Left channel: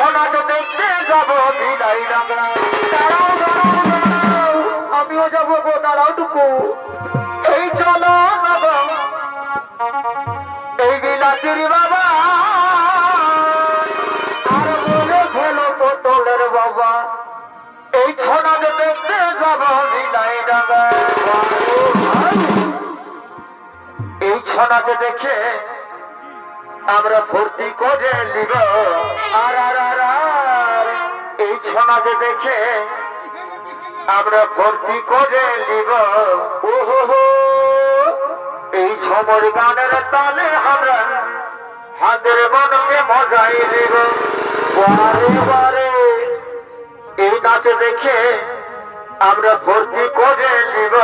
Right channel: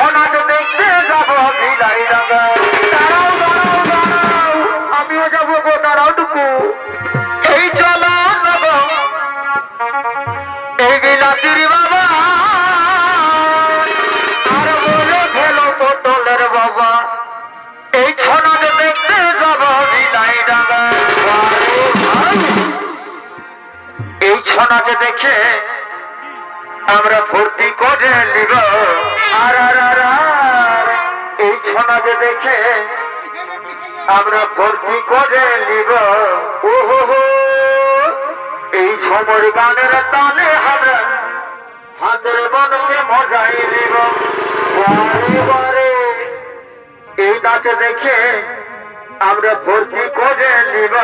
Sanna যে দেখতে যাবো বিলাই ডাঙ্গা। দাঁড়াও দাঁড়াও দাঁড়াও, আমিও যাবো গো, দাঁড়াও টুকু। এই চলো নেবো এই বিলাতির বাবা, আর বলে খেলো পটলের বাবা। এই ছনা যে দেখতে যাবো বিলাই ডাঙ্গা। এই ছনা যে দেখে আমরা ভর্তি করে নিব। আর আর আর আর এই ছনা যে দেখে আমরা ভর্তি করে নিব। ওহো এই ঝমর গানের তালে আমরা হাতের মনকে মজাই দিব। বারে বারে এই নাচে দেখে আমরা ভর্তি করে নিব।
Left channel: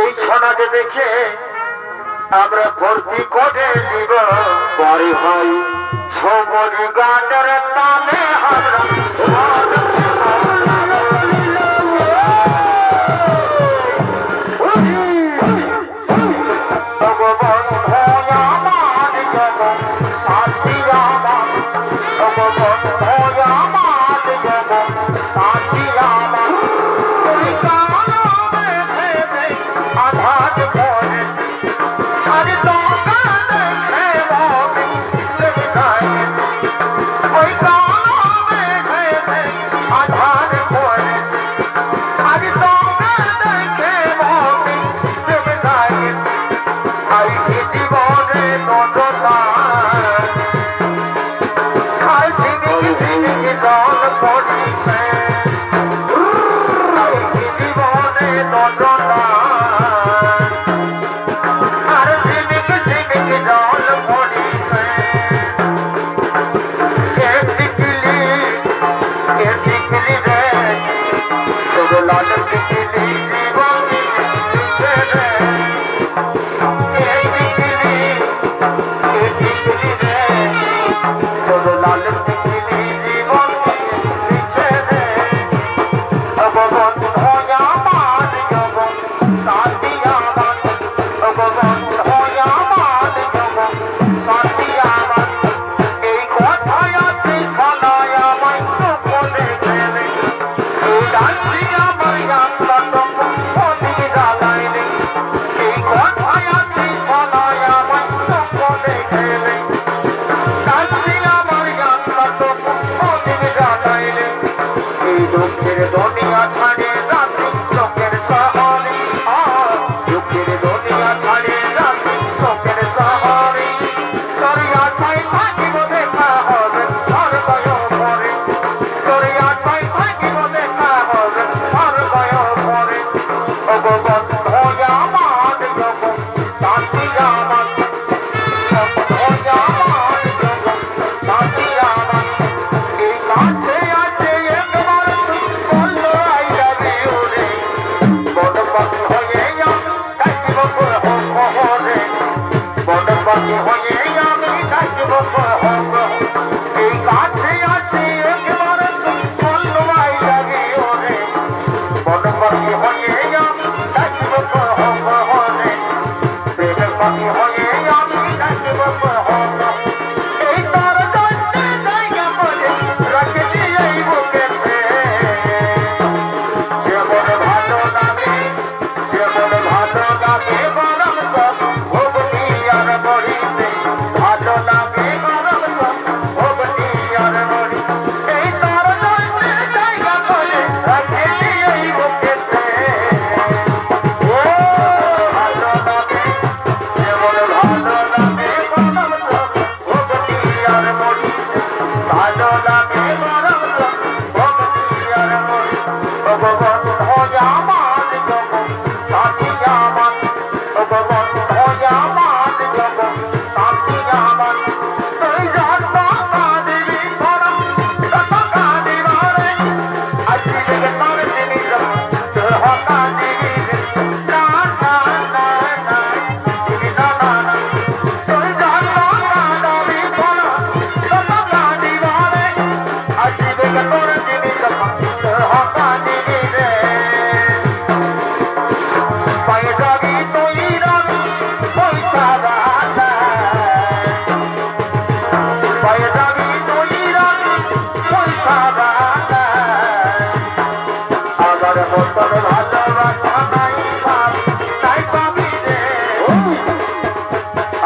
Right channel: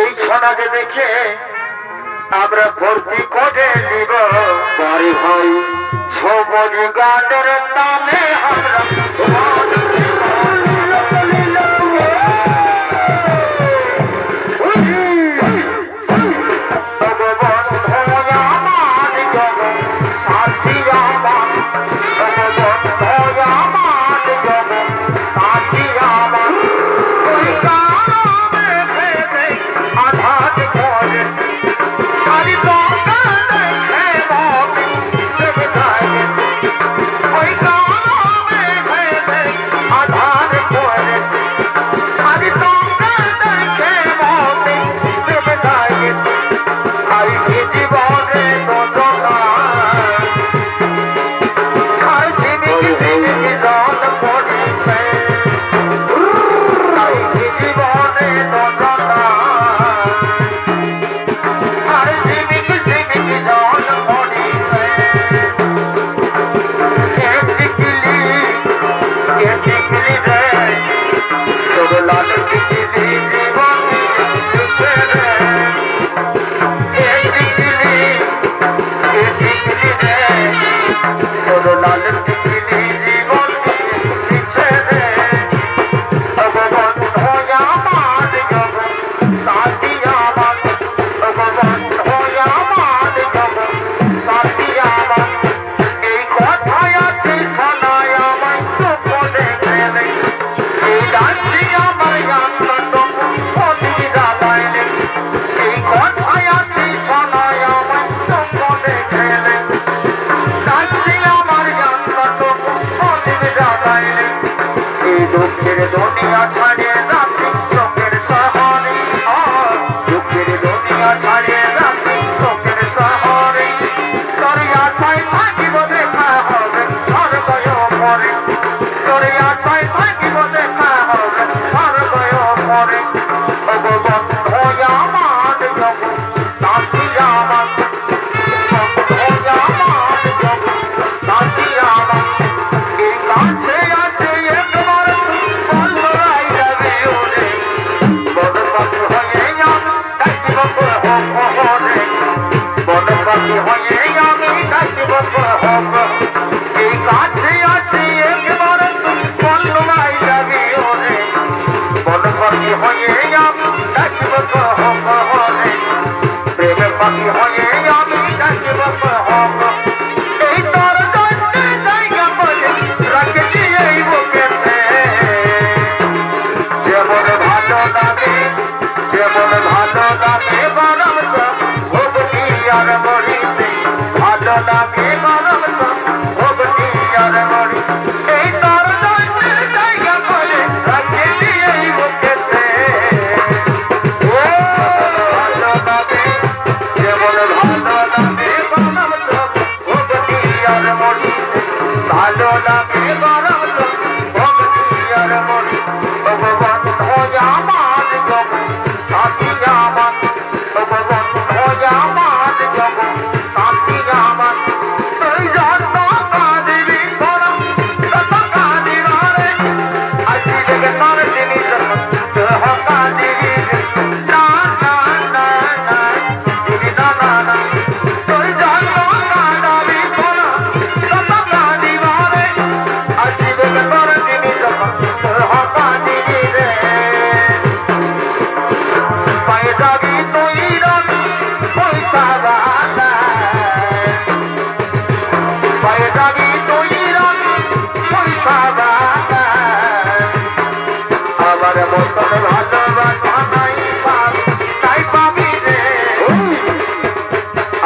এই ছনা যে দেখে আমরা ভর্তি করে নিব। বারে ভাই ঝমর গানের তালে আমরা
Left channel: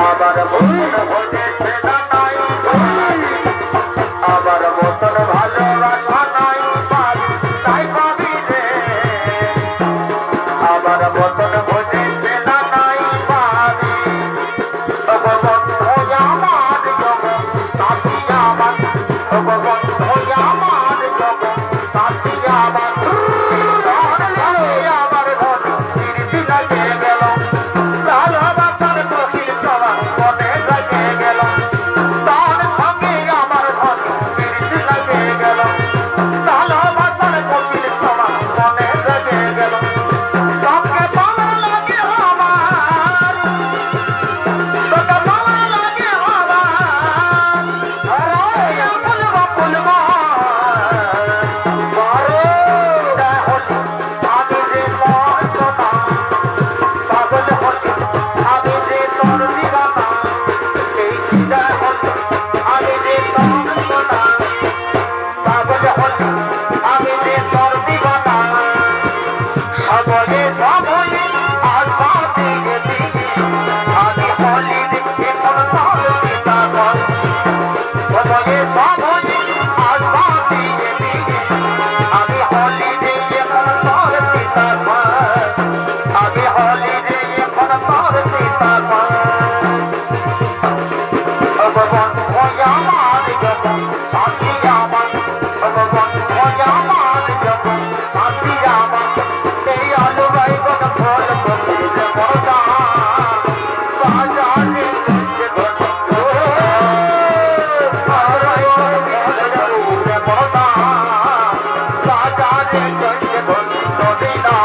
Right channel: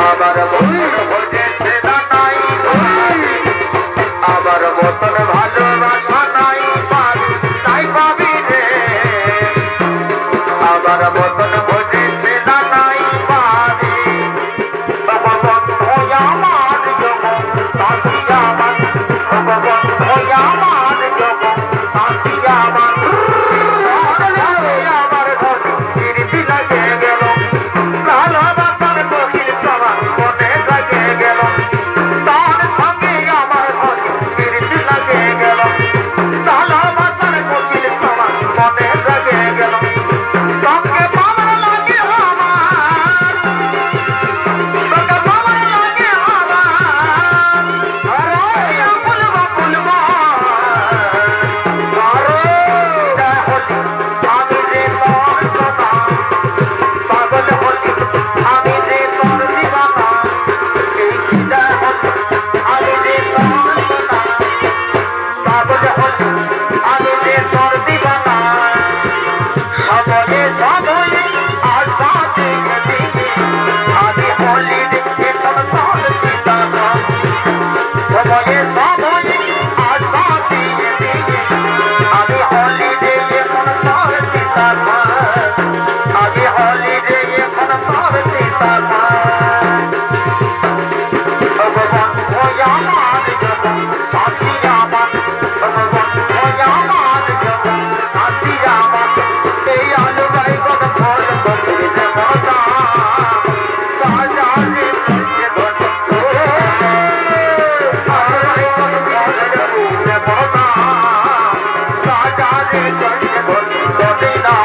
আমার মতন ভোজেছে না নাই আমার মতন ভালোবাসা নাই তাই পাবি রে আমার মতন ভোজেছে না নাই পাবি বন্ধু আমার জগৎ সাথী আমার বন্ধু আমার জগৎ সাথী আমার আমার ঘর লাগে গেল ভালোবাসার গভীর সভা মনে লাগে গেল তার সঙ্গে আমার ঘর লাগে গেল ভালোবাসার গভীর সভা মনে লাগে গেল সবকে ভালো লাগে আমার তোকে ভালো লাগে আমার বলবো বলবো আমি যে মন সোনা পাগল হলি আমি যে তোর দিবানা এই সিধা হলি আমি যে মন সোনা পাগল হলি আমি যে তোর দিবানা সবয়ে সবয়ে আজ বাতে গেলি আমি হলি দেখে তোর তোর সীতা সবয়ে সবয়ে আজ বাতে গেলি আমি হলি দেখে তোর তোর সীতা আমি হলি দেখে তোর তোর সীতা ভগবান ভয়ামান জগৎ সাথী আমার ভগবান ভয়ামান জগৎ সাথী আমার এই আলো গাই গত ফল বকিরে মনসা সাজালে তুঝে ধরে আলো গাই গত ফল বকিরে মনসা সাজালে তুঝে ধরে সদিনা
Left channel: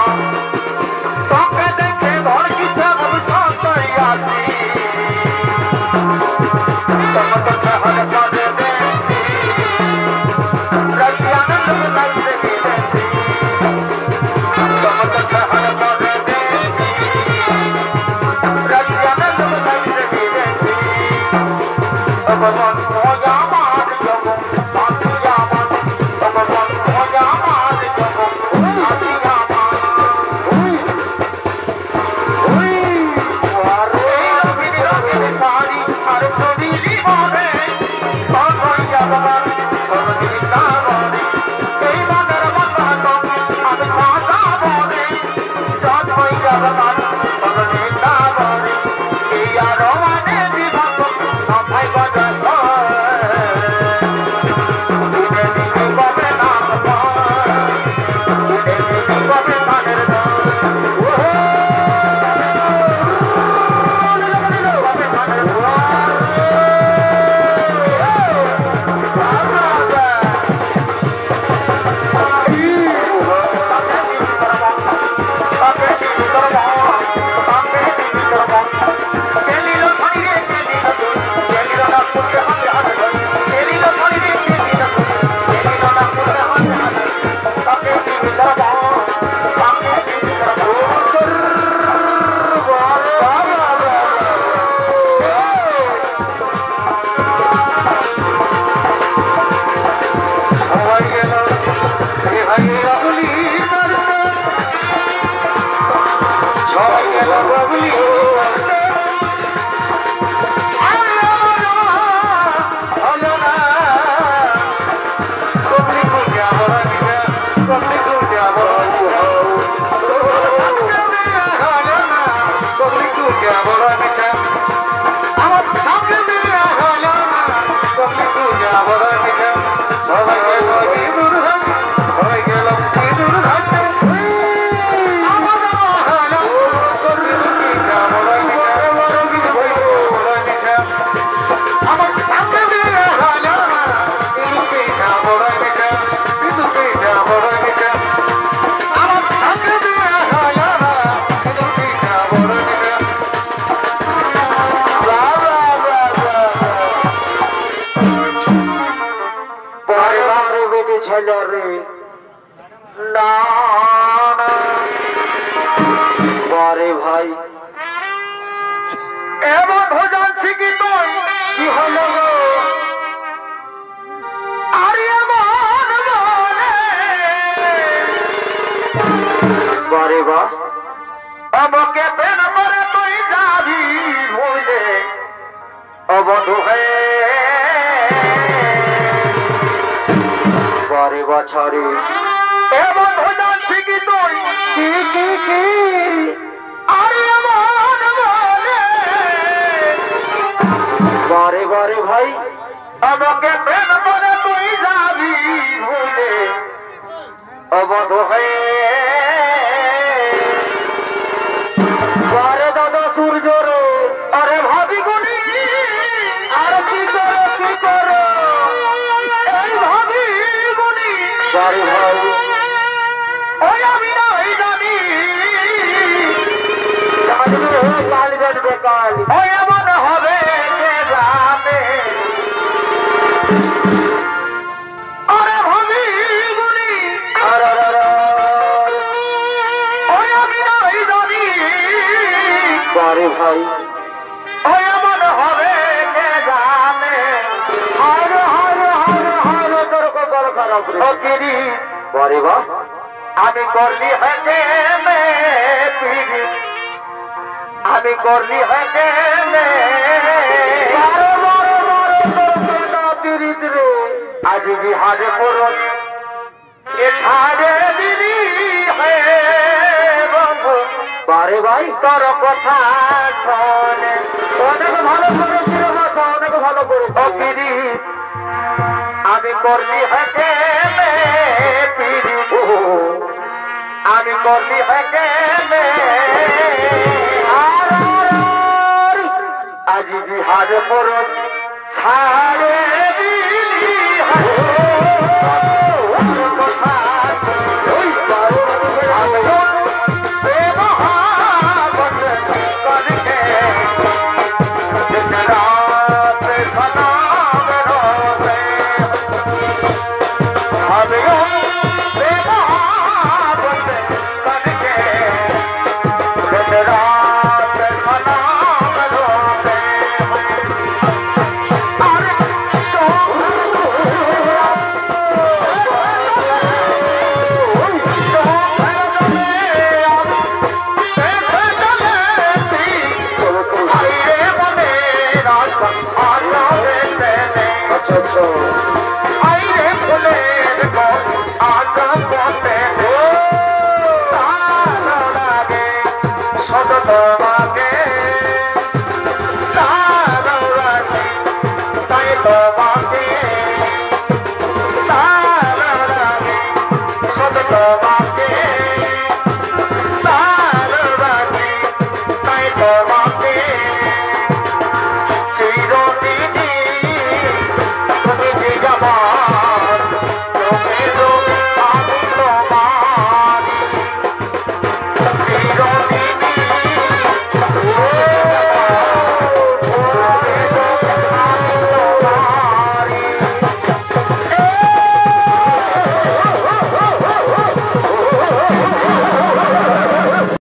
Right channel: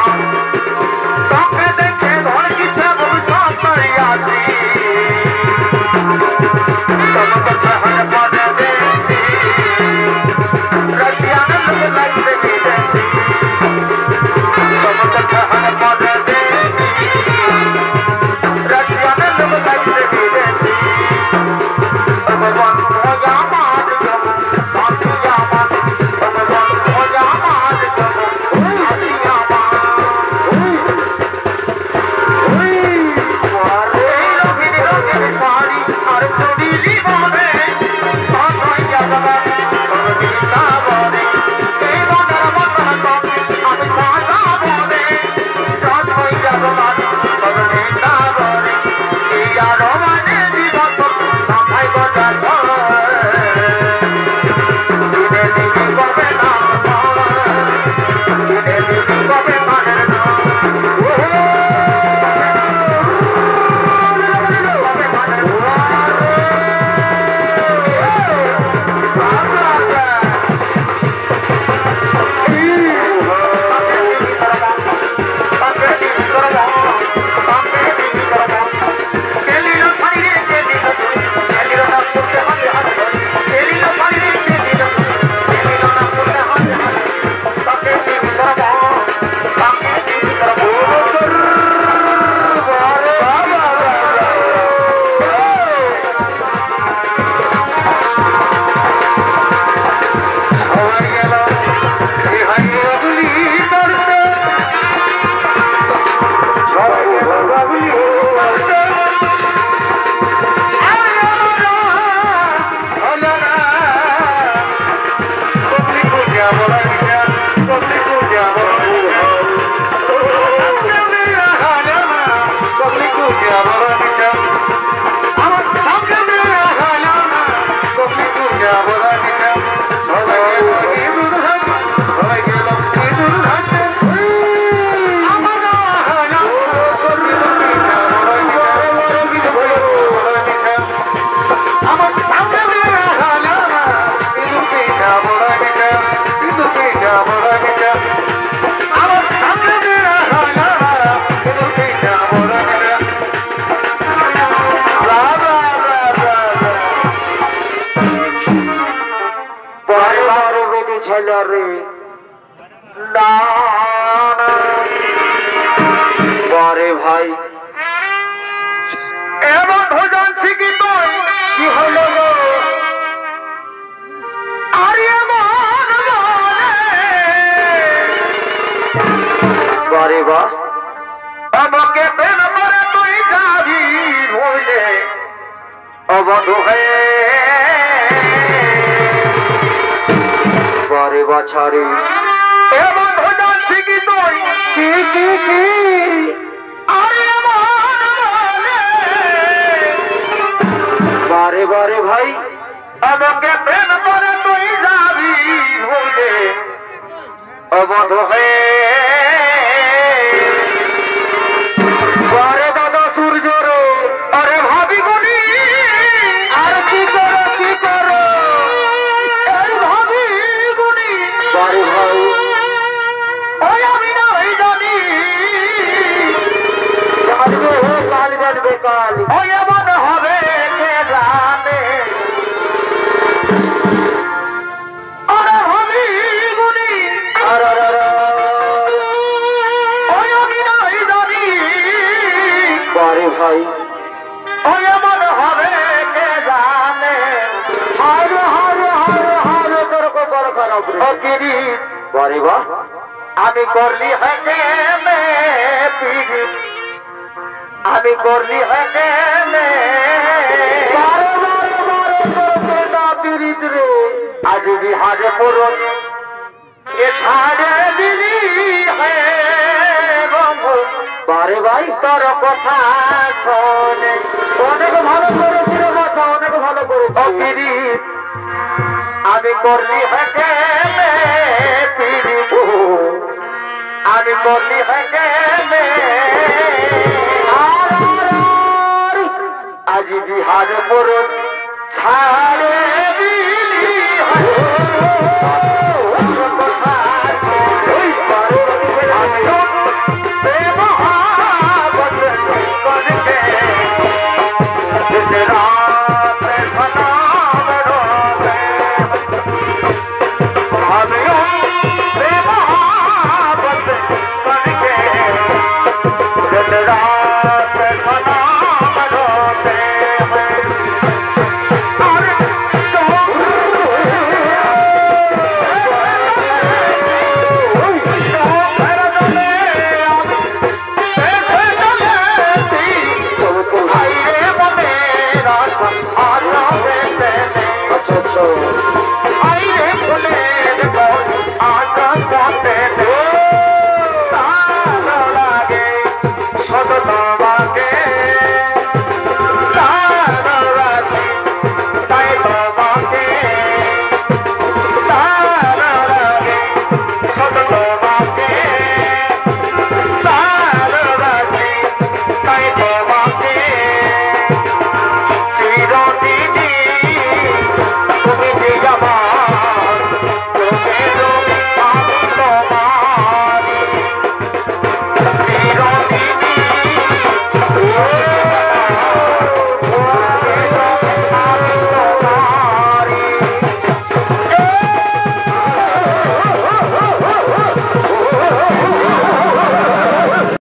তোকে দেখে ধর কিছে ভবিষ্যৎ তৈরি আছি তোমকে সহজ পদে দেখি রতিয়ান লোক লাগবে দেখি তোমকে সহজ পদে দেখি রতিয়ান লোক লাগবে দেখি ভগবান ভোজা মার জগৎ সাথী আমার ভগবান ভোজা মার জগৎ সাথী আমার রঙিন রঙিন শাড়ি আর চুড়ি জীবনে সনই জগৎ সরজিতা বনে এই বাজার বাজার সঙ্গে আমি সাজা বনে সনই জগৎ সরজিতা বনে এই আরো মানে জীবন সবাই গজা দিনে দিনে কবে নাম দিনে দিনে কবে মানের বারে ভাই এমন ভোজন শিখি তুই কি হলো গো আর বারে বা আমাকে প্রেম করে তুই যাবি ভুলে বছরে এ বন্ধু জানছি কি তুই কি আরে আমার বলে বারে বারে ভাই আমাকে প্রেম করে তুই যাবি ভুলে ও বন্ধু হয়ে বারে দাদা সূর্য রে আরে ভাবি গুনি আর কি করো এই ভাবি গুনি বারে ভাই ওই আমি না ওই জানি জানবে কাল জানবে কাল ওই এমন হবে কে জানে আরে ভাবি গুনি ওই আমি না ওই জানি বারে ভাই ওই এমন হবে কে জানে হারে হারে হারে হারে তোর কপাল খারাপ রে ও গিরি বারে বা আমি করলি হেঁটে মে পিড়ি আমি করলি হেঁটে মে বারে বারে বারে তোর না পিড়িত রে আজ বিহারে পড়স এ ছাড়ে দিলি হে বন্ধু বারে ভাই তোর কথা শোনে অনেক ভালো করেছিল বাছা অনেক ভালো করে পিড়ি আমি করলি হেঁটে মে পিড়ি আমি করলি হেঁটে মে আজ বিহারে পড়স ছাড়ে দিলি হে